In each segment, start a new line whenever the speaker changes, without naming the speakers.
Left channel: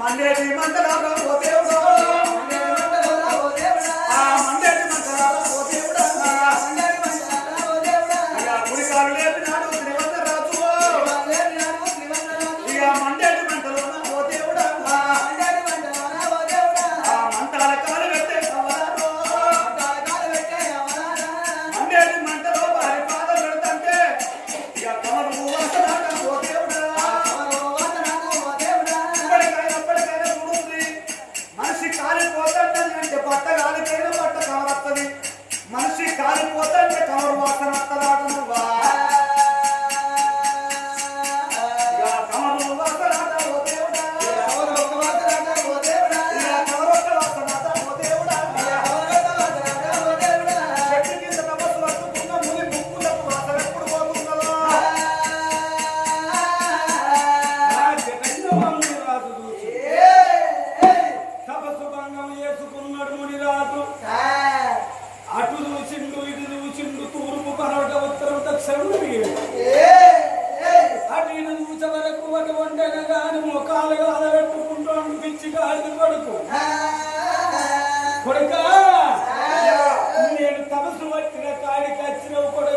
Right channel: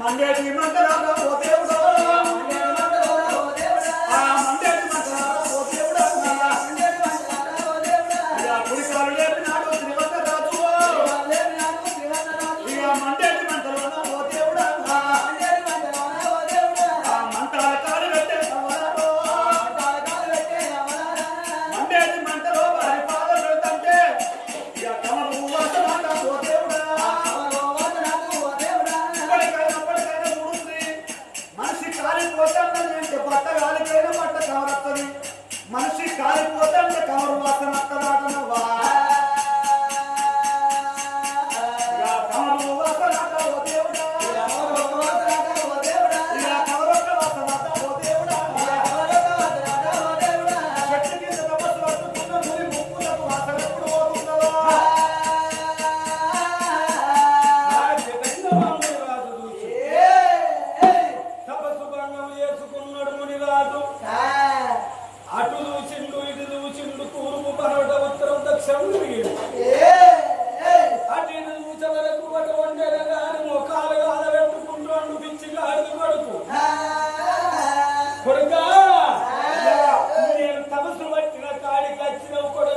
మండేటి మంటలారా
కాడికి వచ్చిన కొడుక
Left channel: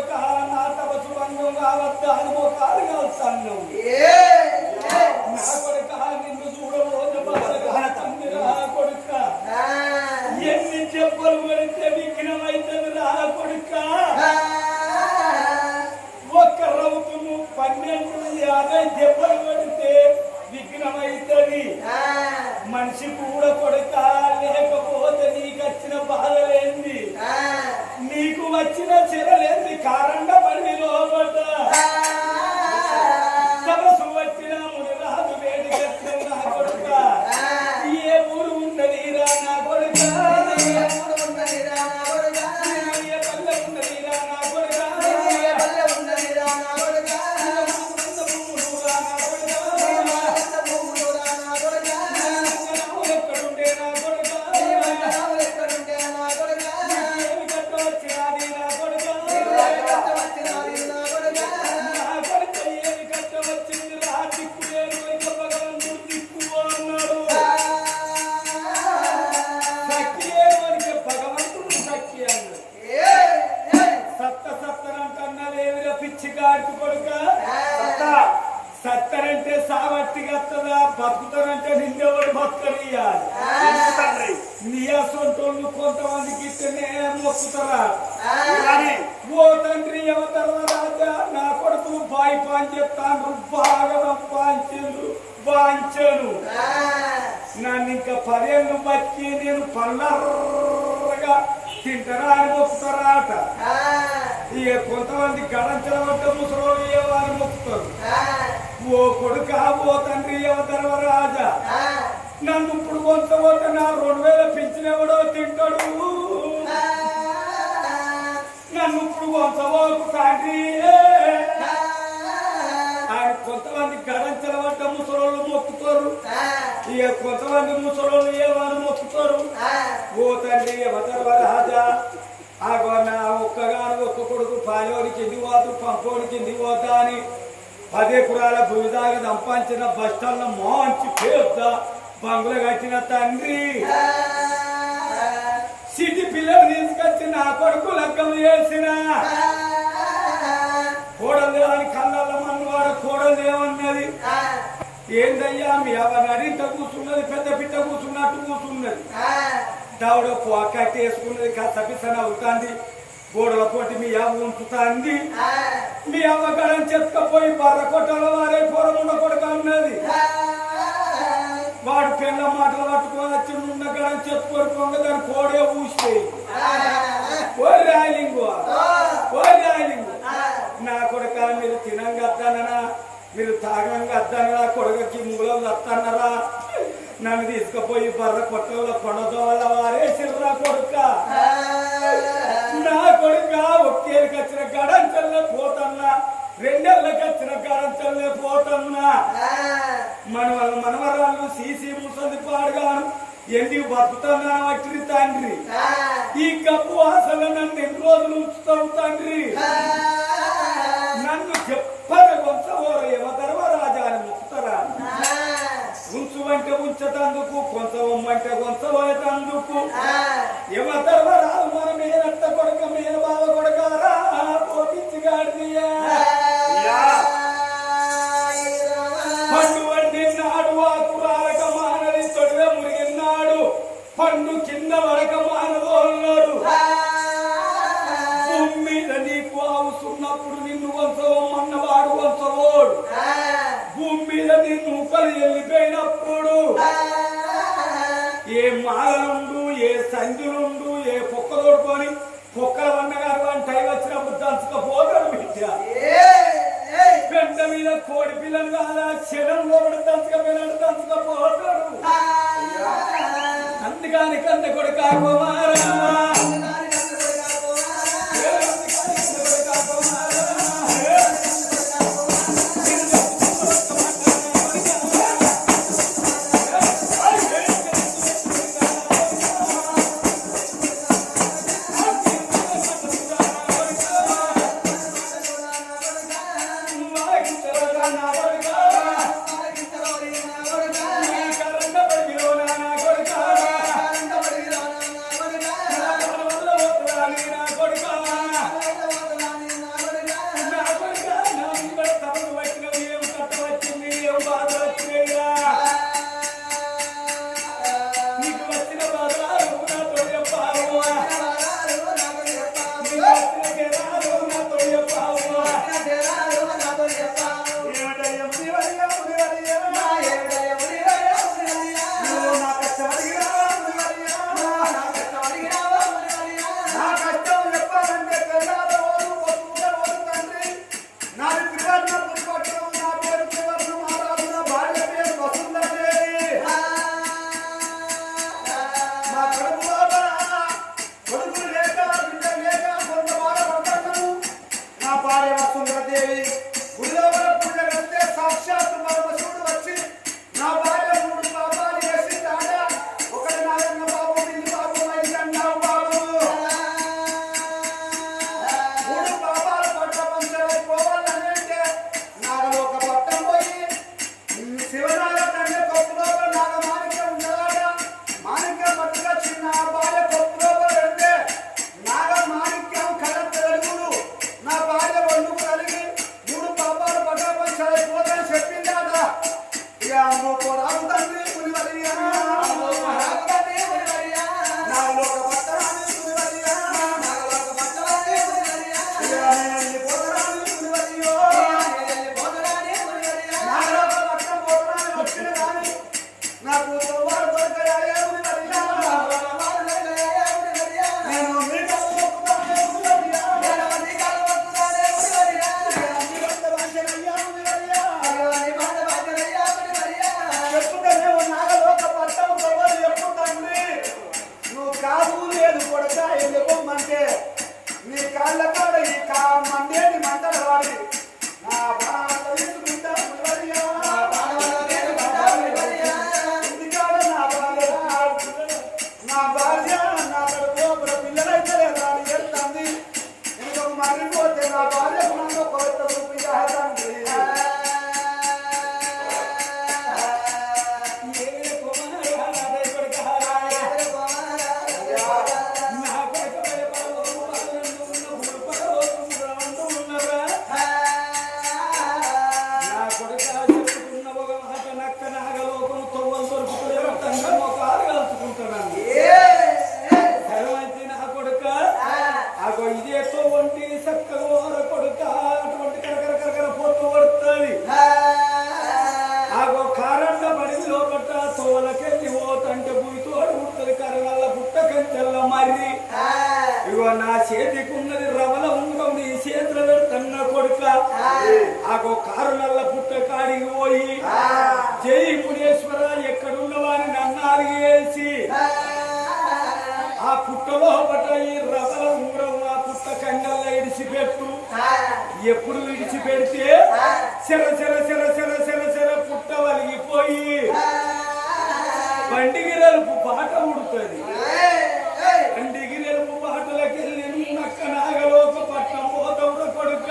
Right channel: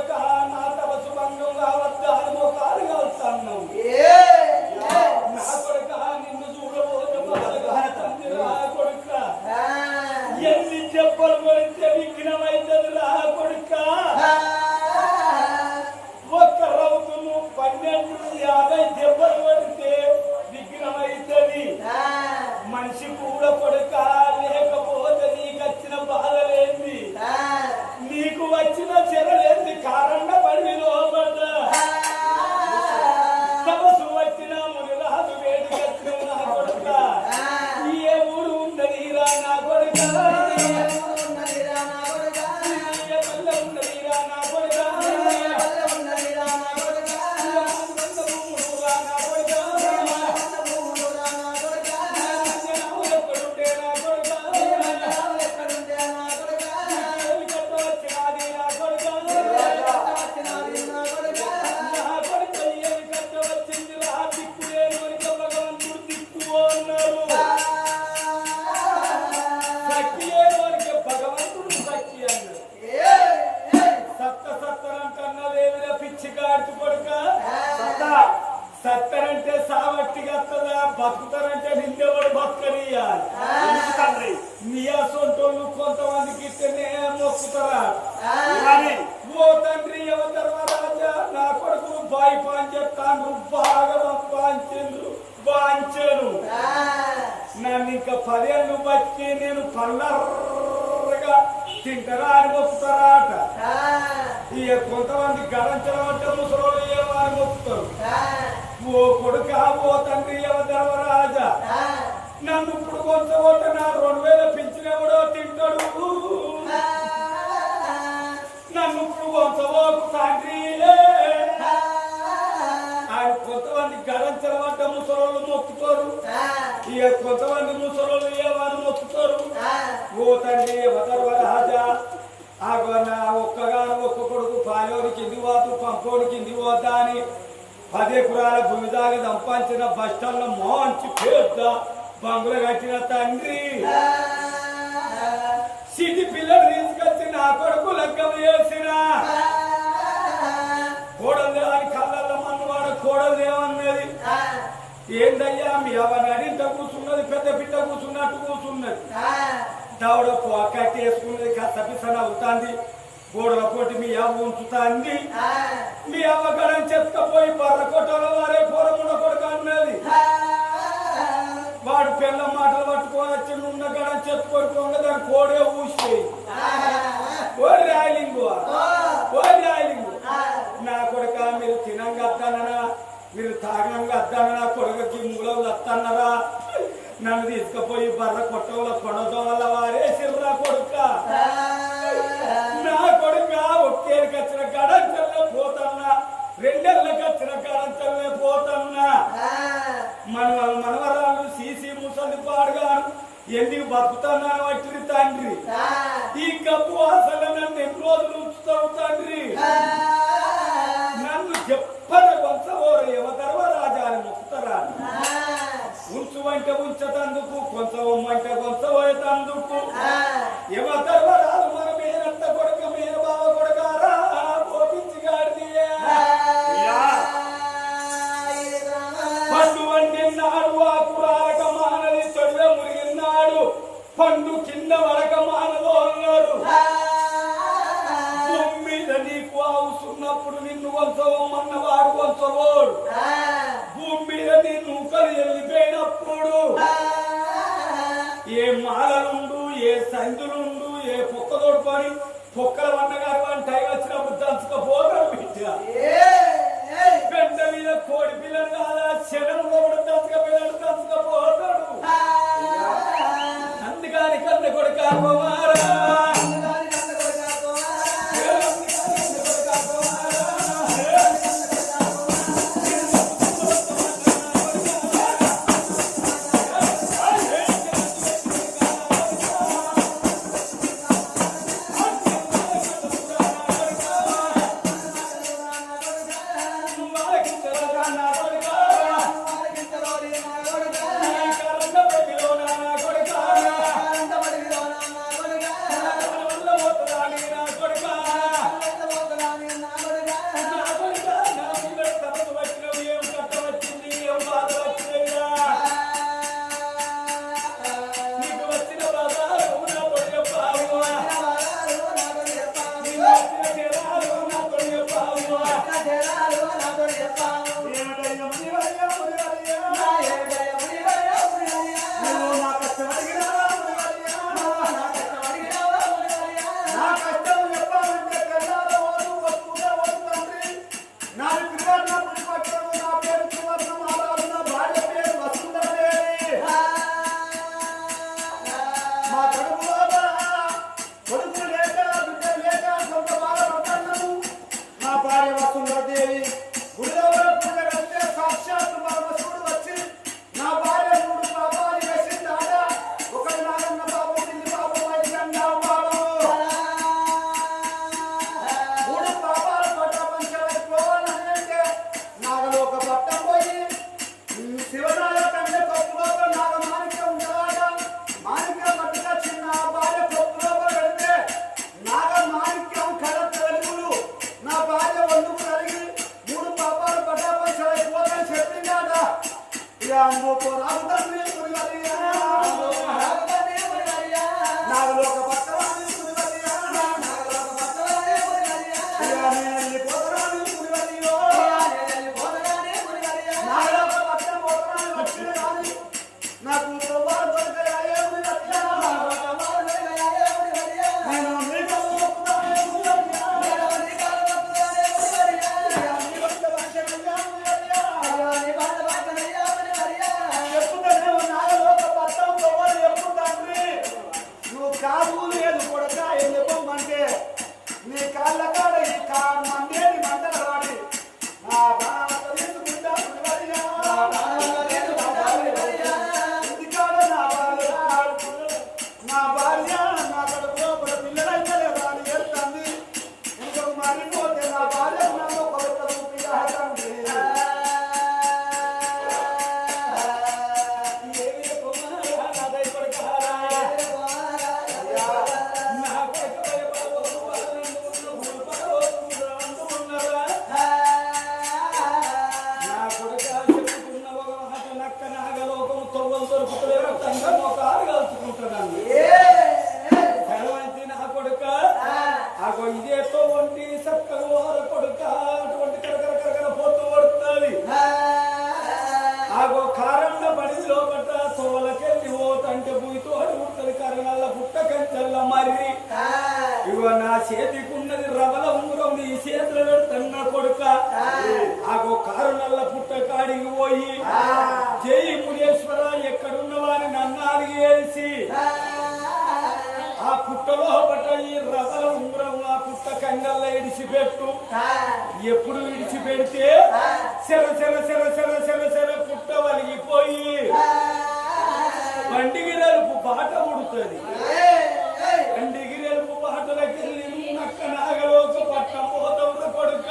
సావట్టి కత్తదా బతుకుతారంటే నిందెవడు బతకనియాలి నీ అసొంటోళ్ళు కొంతమందికి
ఇలానే
ఓ తండ్రి రాజా నా కొడుకులు బాయి పాంచేస్తాను బాగా పాంచిండ్రు బాంచాను నన్ను ఇంకా పదేళ్ళు బతికి నేను పల్లర్రగా తింటారా అని మొక్కుతారా అట. ఇక కొంతమంది గడంచల అంటే ముసలోళ్ళు ఏమని మొక్కుతారు? ఓ కొడుక ఓ తండ్రి ధర్మరాజా. నన్ను ఇప్పుడు కొంత పోతే నా రెండు వేల పింఛనెవడో తింటాడు. నన్ను ఇప్పుడు కొంత పోకు తండ్రి ఆయన కొంతమంది గడంచల పడ్డ ముసలోళ్ళు మొక్కుతారు. ఇక కొంతమంది ముసలోళ్ళు ఏమని మొక్కుతారు? ఓ తండ్రి ధర్మరాజా ఆగో నా ఒక్కగాను ఒక్క కొడుకు పాలోనికి కింది పోతు పంపోని కింది పోతా అని పదే కురాల భూమి దాకా సంపాదించిన బస్టాల్లో మంచి పెద్ద బంగులు కట్టిన తండ్రి. సిటీ పిల్లలు తీసుకొచ్చి నా కొడుకు లగ్గం చేసిన కోడలు దేవాని కళ్ళల్లో మన్ను వాడు కోడలు దేవన్నది ఏందయ్యా మీ అవని అడింట కూర్చున్నది పెద్ద పిట్ట కూర్చున్నట్టు కూర్చున్నది. దవడ కట్టేసుకున్నది కాస్త పిసన అవుతాంది గోడల పోటీ మీ అవ్వ ఉంచుతాంది. మీ అవ్వగడం చెత్తకపోయి బర్ర కొట్టాల వారే పొరమున్న కొడుక అన్నది. వాడు పిల్ల మాటలు పట్టుకొని వచ్చి ఉన్న గడం చెప్పుకొని పొంగ దాని కోడే ఊసిపోయి. ఓ రాయలింగు ఓ. రాయలింగు. నా కొడుక మీరు తినంగద్దాననా మీరు తాగంగా అద్దానరా కొడుకకి మూలం వస్తానరా నన్ను తీసుకుపోయి బర్ర కొట్టవల కొనదోవల వారే సిర్రా కొడుక. కొడుక గచ్చిన గడంతల్లే పోతన్నా. రెండేళ్ళ గచ్చిన గడంతల్లే పోతన్నా. మన మనవరాలు సీసీ ముసలి పాడుగాను. ఎందుకు బతుకుతున్నాను అట్టి తండ్రి? ఈ కప్పు అసలు నన్ను ఎన్ని రోజులు ఉంచుతావు తండ్రి? నన్ను చెప్పర కొంచవోరు ఏమతరవ రాజా అని మొక్కుతారా? ఉంచువంటే ఉంచతందుకు కొంచవమ్మంటే పోయేటందుకు యువ రాదు మన మీద కొడుక మీద బావ కొడుక ఏ మాలలుండు ఏ సంధులుండు ఏ పొక్క తోడుకొని పొక్కల వన్నగారు అని టై వచ్చినప్పుడు దంచుకపోతాడు బిడ్డ పెద్ద మీద కోడి పిల్లలు కాదా చెరలు పిల్లలు దంచకపోయాడు పోతాడు అందుకని కంద కొడుకు కుమారా
నాగలోక
అగో ఇదేతో ఒంటిని సక్కలు ఆరపడుతా అటువంటి కరకర కరకర పోతూ పడుతుంది అగో కారణ పడి లోపట తంట పోతంటే బుయితో అడుగుతుంది కరణల్ల పుట్ట కంచెల్ల మరి ఇగో నా చేతికున్నది రవల ఉంగరం నీ చేతులు పెడుతున్న కొడుక. ఆగో కారులల్ల పుట్ట కాడికి పోయి జై మునేశ్వర ఎక్కడున్నవాని అన్నారు అరిగేసి పుట్టలో పడ్డ ఈ రసల ఉంగరం ఆ పుట్ట కంగల్లో ఇడిచిపెట్టు. ఎప్పుడు విడిచిపెడితే చెర చెర చెర చెర చెర చెర పుట్ట వలిగిపోయి బండిగిరలుపు బాట ఉడుతుంది. బండిగిరలుపు బాటలకి వెళ్ళి నక్క నాగలోకి పట్నం పోతవుడ కొడుక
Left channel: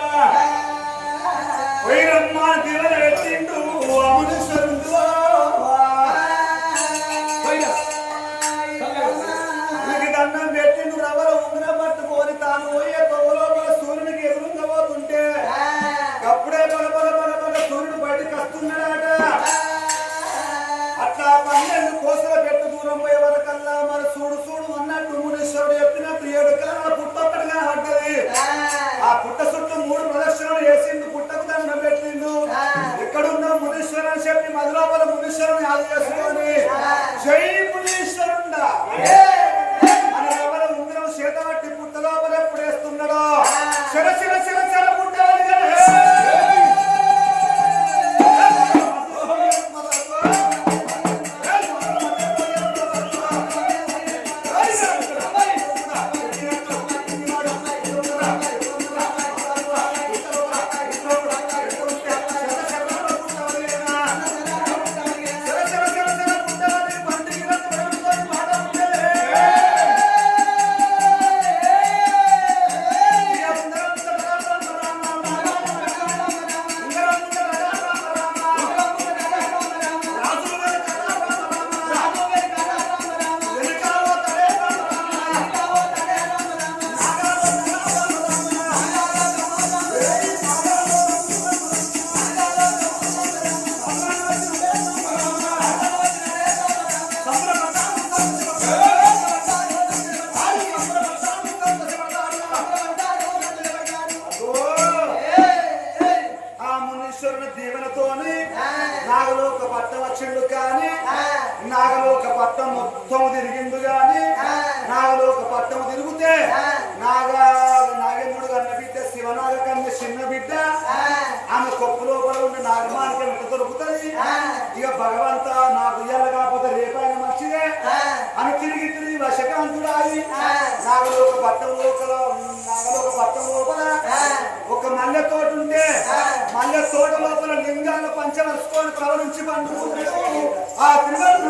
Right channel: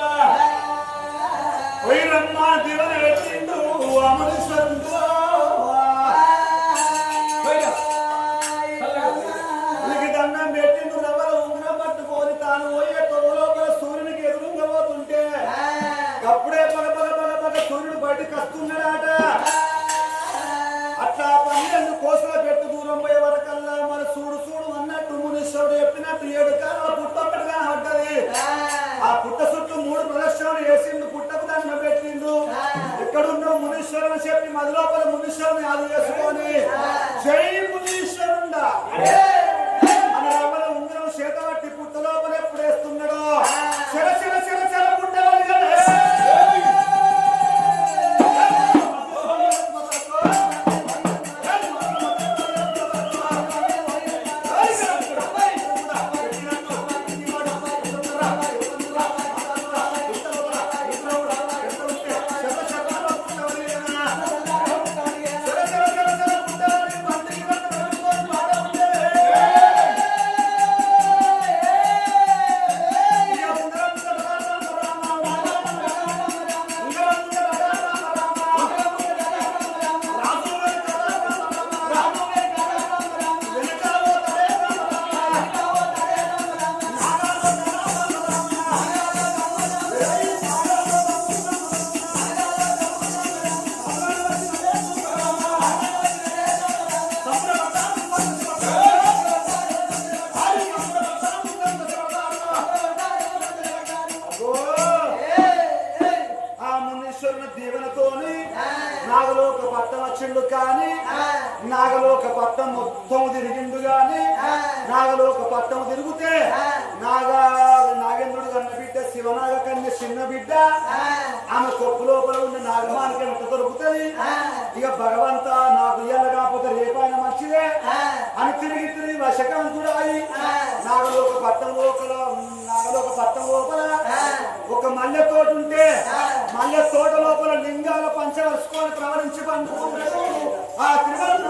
మునీశ్వరం చెప్పి మధురాపల మునీశ్వరం యాదు జై మునీశ్వరుడా. రక్తం తిరిగితే నాగా నాగేంద్రుడు కన్న బిడ్డ శివనాగ కన్న చిన్న బిడ్డ ఆమె కొప్పు లోపల ఉన్న నాగమానికి ఎంత దొరుకుతుంది? ఇక భగవంత నాకు ఇయ్యాల కాకపోతే రేపైనా మంచిదే. అని తిరిగి తిరిగి వశకాంతుడు అయి నాగలోక పట్టం లోపల నాగలోక పట్టం లోపల ఒక మల్లె తోట ఉంటే మల్లె తోట లోపల లింగాల పంచ ప్రవహించి ప్రవణించి ఆ
త్రివర్ణ